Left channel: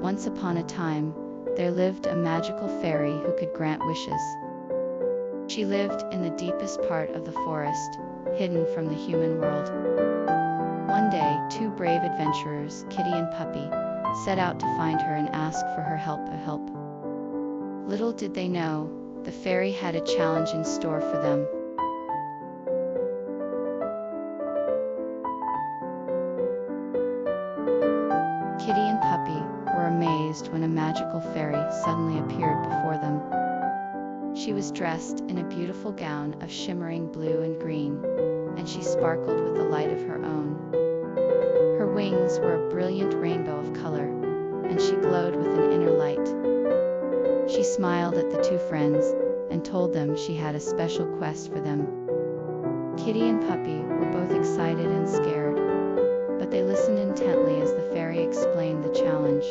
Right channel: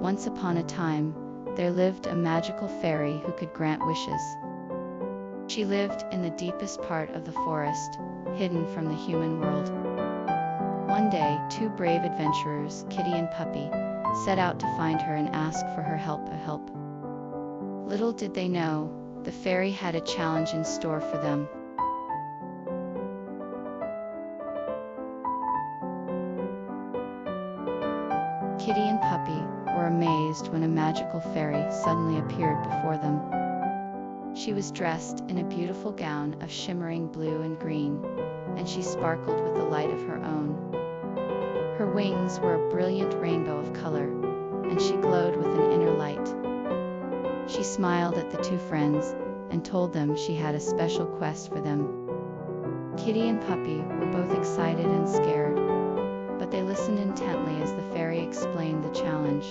Once upon a time, there lived a magical fairy who could grant wishes. She lived in the deepest part of the forest, hidden from the human world. One day, two brave adventurers, Kitty and Puppy, set out to find her and ask for her help. Little did they know, the fairy had a challenge in store for them. Kitty and Puppy were amazed when a magical fairy suddenly appeared before them. She was dressed in a beautiful gown of shimmering blue and green, and she sparkled with the light of her own. Her wings were a brilliant rainbow of color, and she glowed with an inner light. She smiled at the two friends and told them she had a special quest for them. Kitty and Puppy were both excited and scared, but they listened intently as the fairy explained the challenge.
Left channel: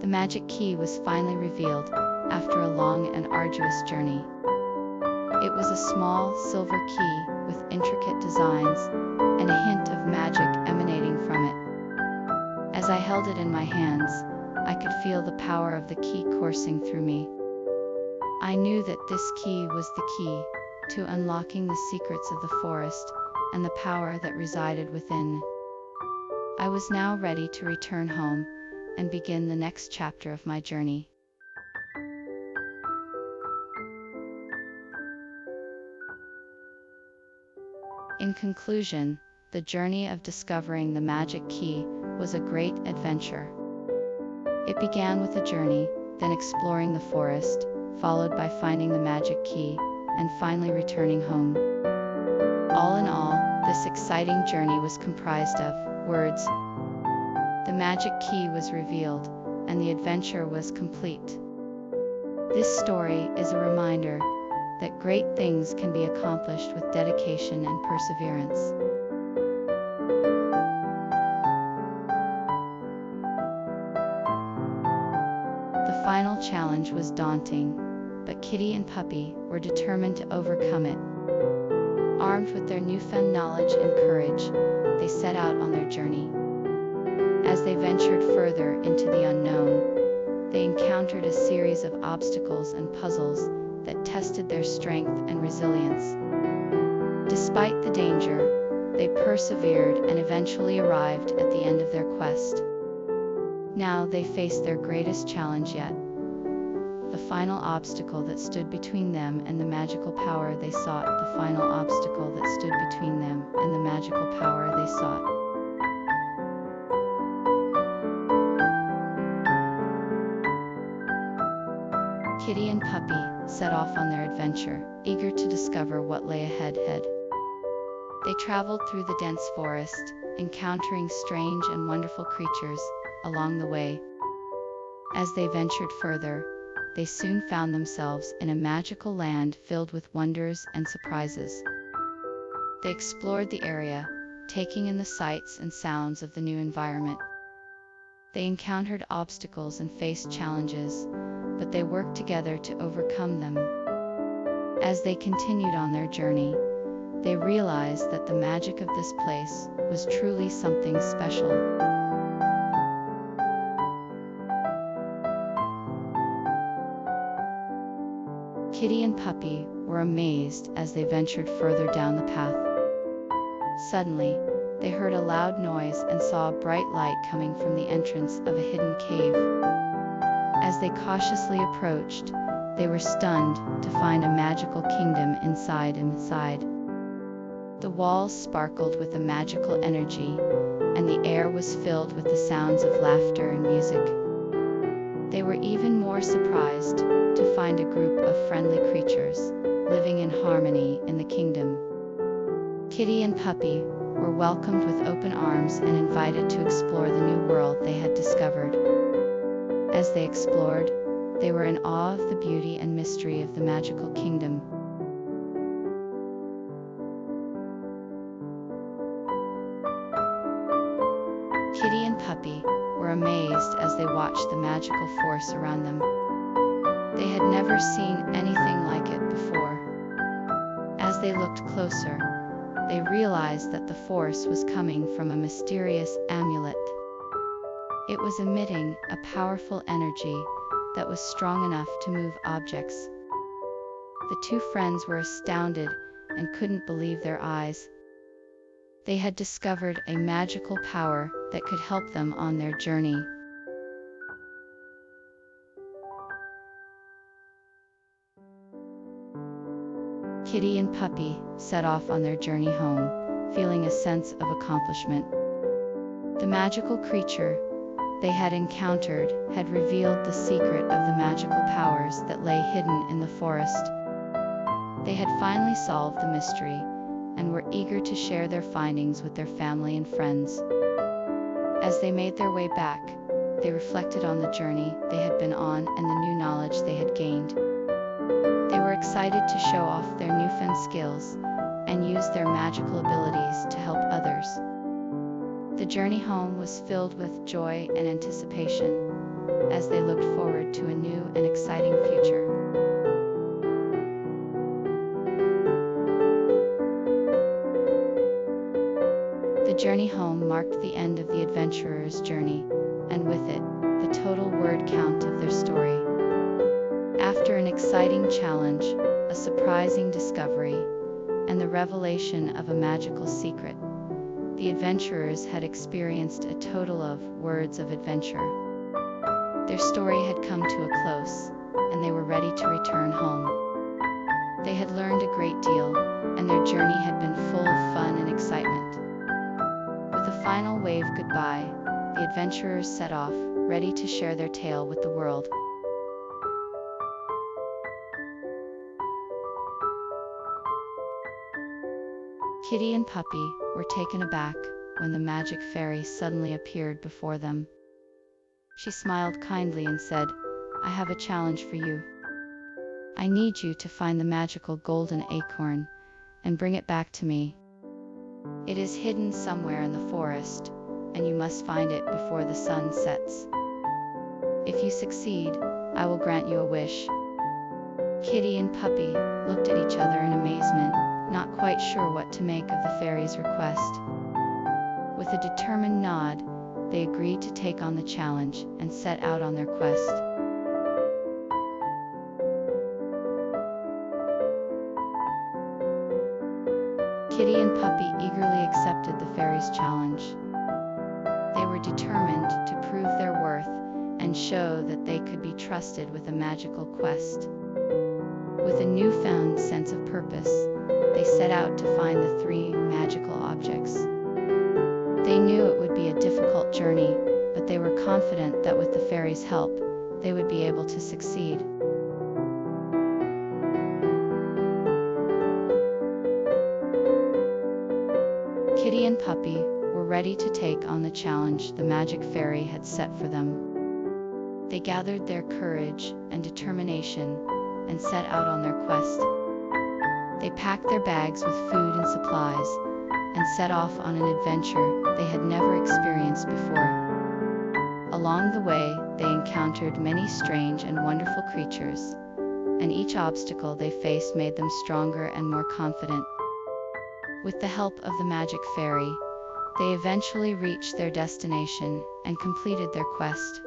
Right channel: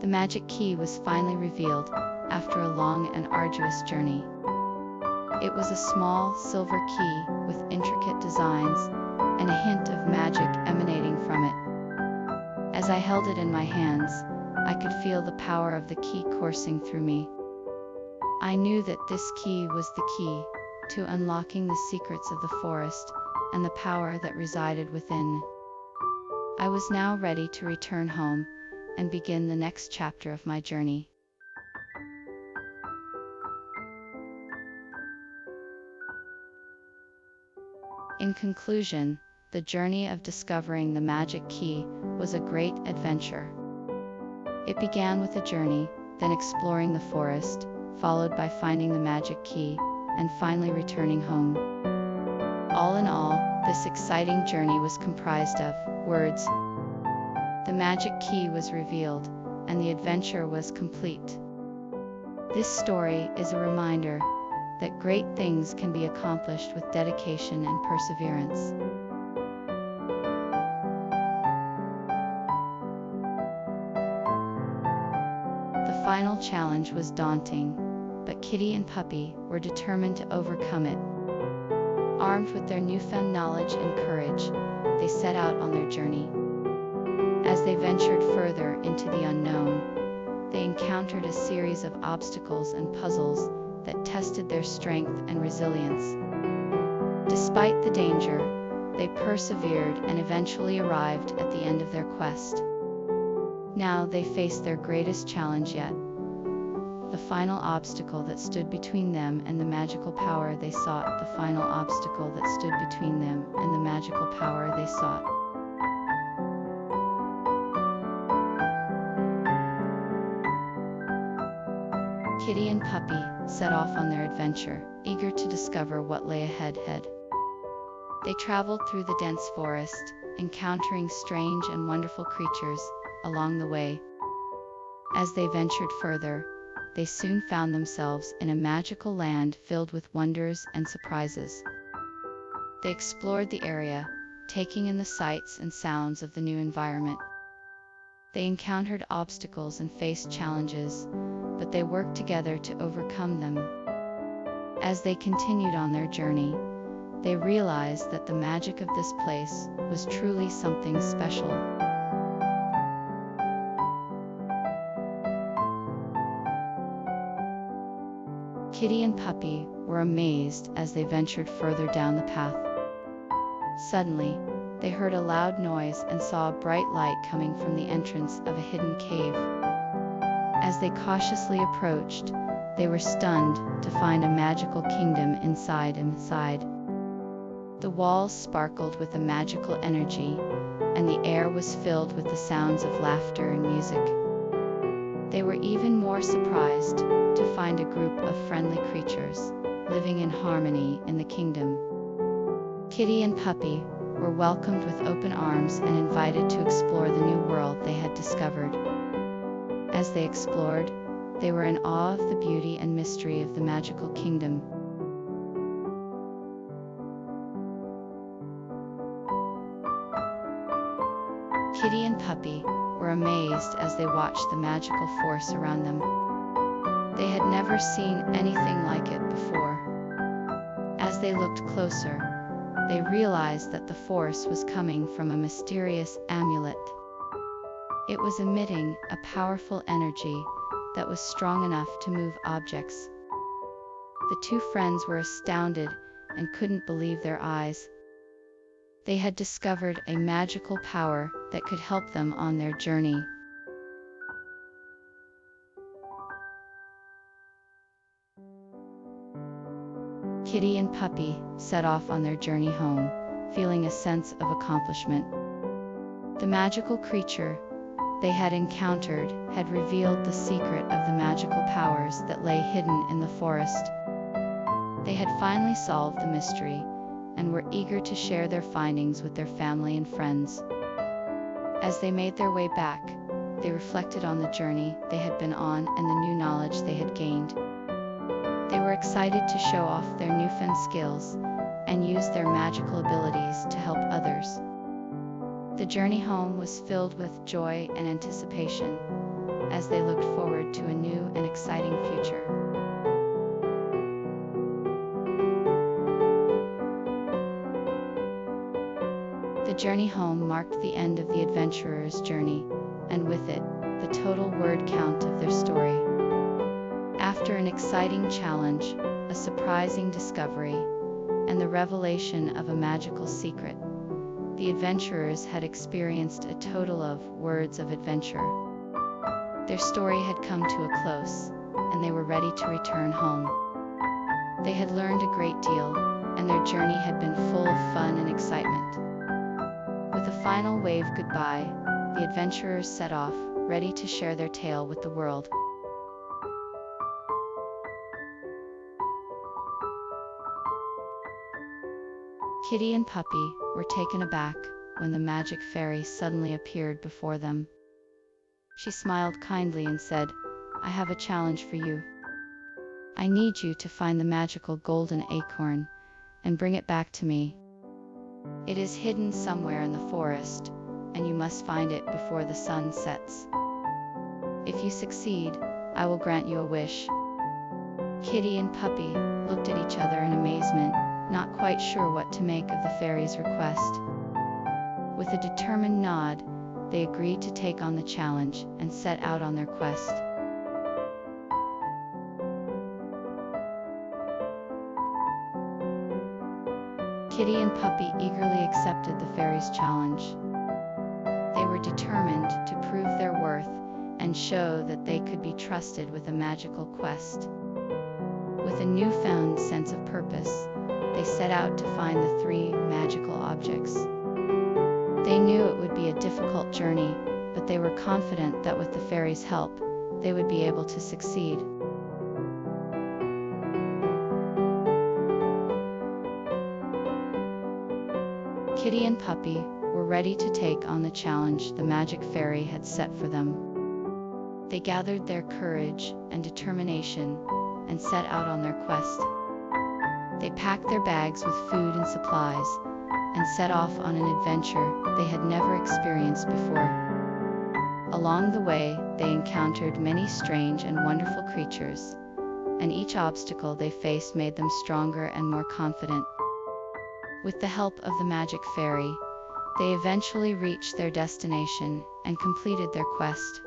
The magic key was finally revealed after a long and arduous journey. It was a small silver key with intricate designs and a hint of magic emanating from it. As I held it in my hands, I could feel the power of the key coursing through me. I knew that this key was the key to unlocking the secrets of the forest and the power that resided within. I was now ready to return home and begin the next chapter of my journey. In conclusion, the journey of discovering the magic key was a great adventure. It began with a journey, then exploring the forest, followed by finding the magic key, and finally returning home. All in all, this exciting journey was comprised of words. The magic key was revealed, and the adventure was complete. This story is a reminder that great things can be accomplished with dedication and perseverance. The final challenge was daunting, but Kitty and Puppy were determined to overcome it. Armed with their newfound knowledge and courage, they set out on their journey. As they ventured further into the unknown, they encountered a series of obstacles and puzzles that tested their strength and resilience. Despite the danger, they persevered and eventually arrived at the end of their quest. Now they faced their greatest challenge yet, the final obstacle that stood between them and the magical power they sought. The final obstacle that stood between them and the magical power they sought. Kitty and Puppy set off on their adventure, eager to discover what lay ahead. They traveled through the dense forest, encountering strange and wonderful creatures along the way. As they ventured further, they soon found themselves in a magical land filled with wonders and surprises. They explored the area, taking in the sights and sounds of the new environment. They encountered obstacles and faced challenges, but they worked together to overcome them. As they continued on their journey, they realized that the magic of this place was truly something special. Kitty and Puppy were amazed as they ventured further down the path. Suddenly, they heard a loud noise and saw a bright light coming from the entrance of a hidden cave. As they cautiously approached, they were stunned to find a magical kingdom inside. The walls sparkled with a magical energy, and the air was filled with the sounds of laughter and music. They were even more surprised to find a group of friendly creatures living in harmony in the kingdom. Kitty and Puppy were welcomed with open arms and invited to explore the new world they had discovered. As they explored, they were in awe of the beauty and mystery of the magical kingdom. Kitty and Puppy were amazed as they watched the magical force around them. They had never seen anything like it before. As they looked closer, they realized that the force was coming from a mysterious amulet. It was emitting a powerful energy that was strong enough to move objects. The two friends were astounded and couldn't believe their eyes. They had discovered a magical power that could help them on their journey. Kitty and Puppy set off on their journey home, feeling a sense of accomplishment. The magical creature they had encountered had revealed the secret of the magical powers that lay hidden in the forest. They had finally solved the mystery and were eager to share their findings with their family and friends. As they made their way back, they reflected on the journey they had been on and the new knowledge they had gained. They were excited to show off their newfound skills and use their magical abilities to help others. The journey home was filled with joy and anticipation as they looked forward to a new and exciting future. The journey home marked the end of the adventurers' journey, and with it, the total word count of their story. After an exciting challenge, a surprising discovery, and the revelation of a magical secret, the adventurers had experienced a total of words of adventure. Their story had come to a close, and they were ready to return home. They had learned a great deal, and their journey had been full of fun and excitement. With a final wave goodbye, the adventurers set off, ready to share their tale with the world. Kitty and Puppy were taken aback when the magic fairy suddenly appeared before them. She smiled kindly and said, "I have a challenge for you. I need you to find the magical golden acorn and bring it back to me. It is hidden somewhere in the forest, and you must find it before the sun sets. If you succeed, I will grant you a wish." Kitty and Puppy looked at each other in amazement, not quite sure what to make of the fairy's request. With a determined nod, they agreed to take on the challenge and set out on their quest. Kitty and Puppy eagerly accepted the fairy's challenge. They were determined to prove their worth and show that they could be trusted with a magical quest. With a newfound sense of purpose, they set out to find the three magical objects. They knew it would be a difficult journey, but they were confident that with the fairy's help, they would be able to succeed. Kitty and Puppy were ready to take on the challenge the magic fairy had set for them. They gathered their courage and determination and set out on their quest. They packed their bags with food and supplies and set off on an adventure they had never experienced before. Along the way, they encountered many strange and wonderful creatures, and each obstacle they faced made them stronger and more confident. With the help of the magic fairy, they eventually reached their destination and completed their quest.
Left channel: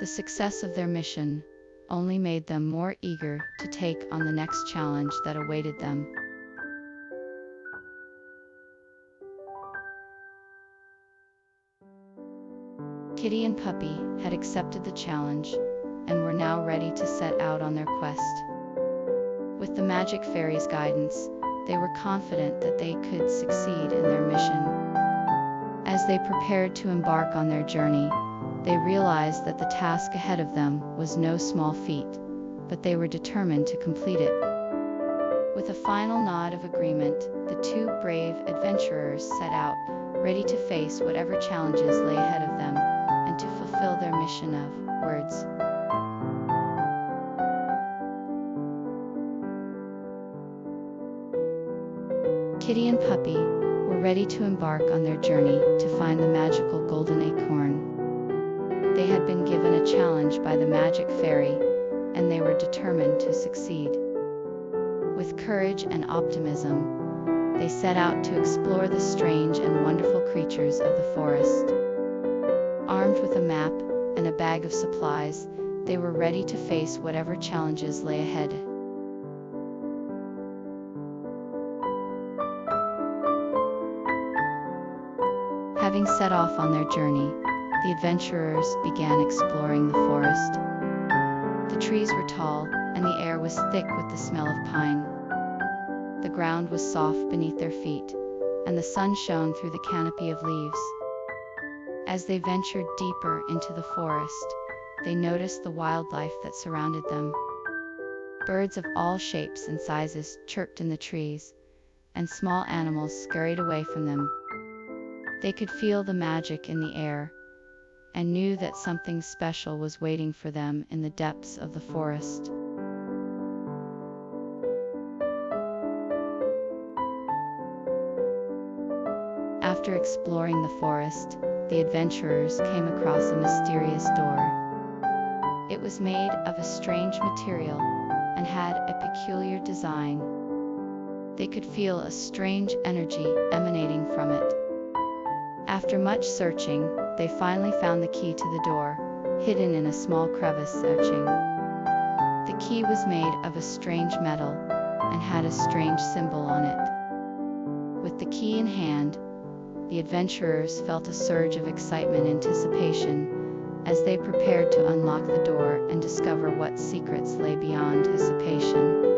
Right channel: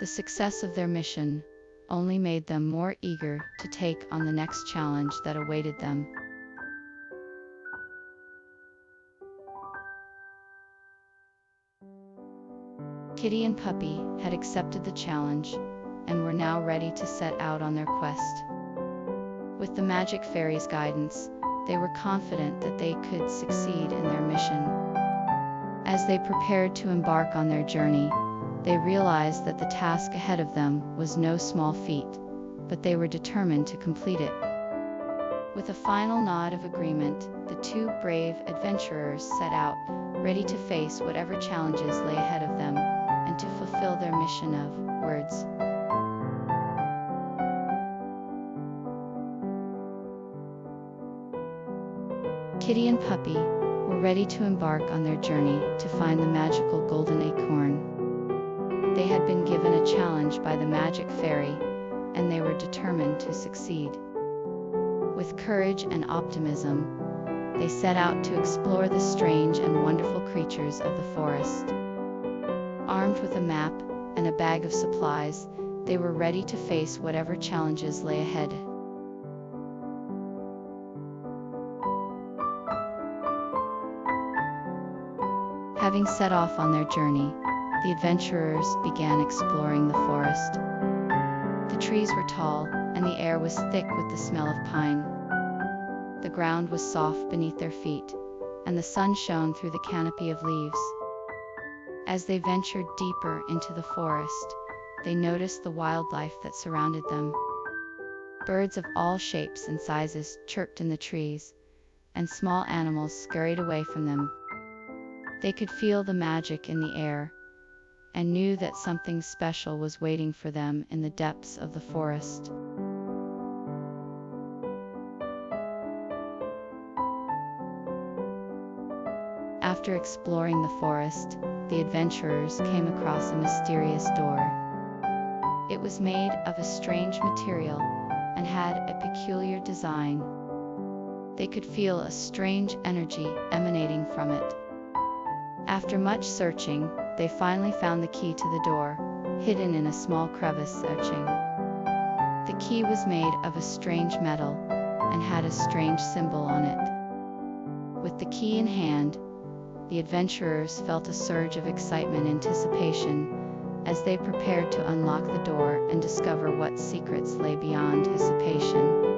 The success of their mission only made them more eager to take on the next challenge that awaited them. Kitty and Puppy had accepted the challenge and were now ready to set out on their quest. With the magic fairy's guidance, they were confident that they could succeed in their mission. As they prepared to embark on their journey, they realized that the task ahead of them was no small feat, but they were determined to complete it. With a final nod of agreement, the two brave adventurers set out, ready to face whatever challenges lay ahead of them, and to fulfill their mission of words. Kitty and Puppy were ready to embark on their journey to find the magical golden acorn. They had been given a challenge by the magic fairy, and they were determined to succeed. With courage and optimism, they set out to explore the strange and wonderful creatures of the forest. Armed with a map and a bag of supplies, they were ready to face whatever challenges lay ahead. Having set off on their journey, the adventurers began exploring the forest. The trees were tall, and the air was thick with the smell of pine. The ground was soft beneath their feet, and the sun shone through the canopy of leaves. As they ventured deeper into the forest, they noticed the wildlife that surrounded them. Birds of all shapes and sizes chirped in the trees, and small animals scurried away from them. They could feel the magic in the air, and knew that something special was waiting for them in the depths of the forest. After exploring the forest, the adventurers came across a mysterious door. It was made of a strange material and had a peculiar design. They could feel a strange energy emanating from it. After much searching, they finally found the key to the door, hidden in a small crevice. The key was made of a strange metal and had a strange symbol on it. With the key in hand, the adventurers felt a surge of excitement and anticipation as they prepared to unlock the door and discover what secrets lay beyond anticipation.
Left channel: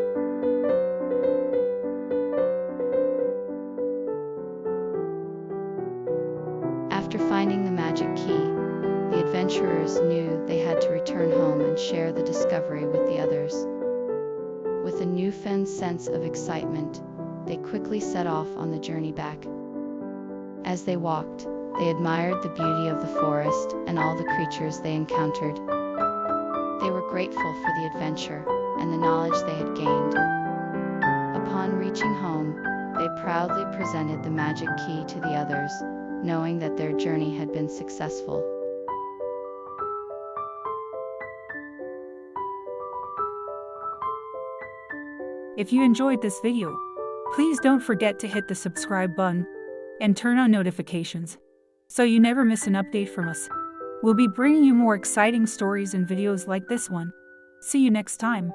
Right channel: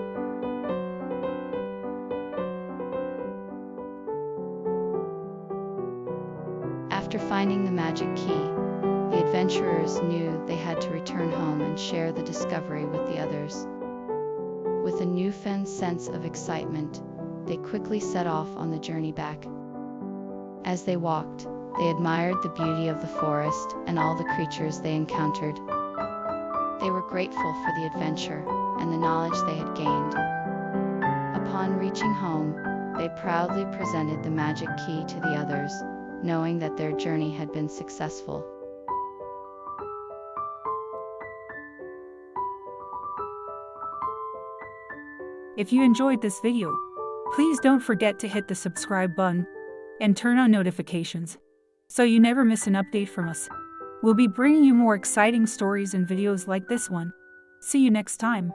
After finding the magic key, the adventurers knew they had to return home and share the discovery with the others. With a newfound sense of excitement, they quickly set off on the journey back. As they walked, they admired the beauty of the forest and all the creatures they encountered. They were grateful for the adventure and the knowledge they had gained. Upon reaching home, they proudly presented the magic key to the others, knowing that their journey had been successful. If you enjoyed this video, please don't forget to hit the subscribe button and turn on notifications so you never miss an update from us. We'll be bringing you more exciting stories and videos like this one. See you next time.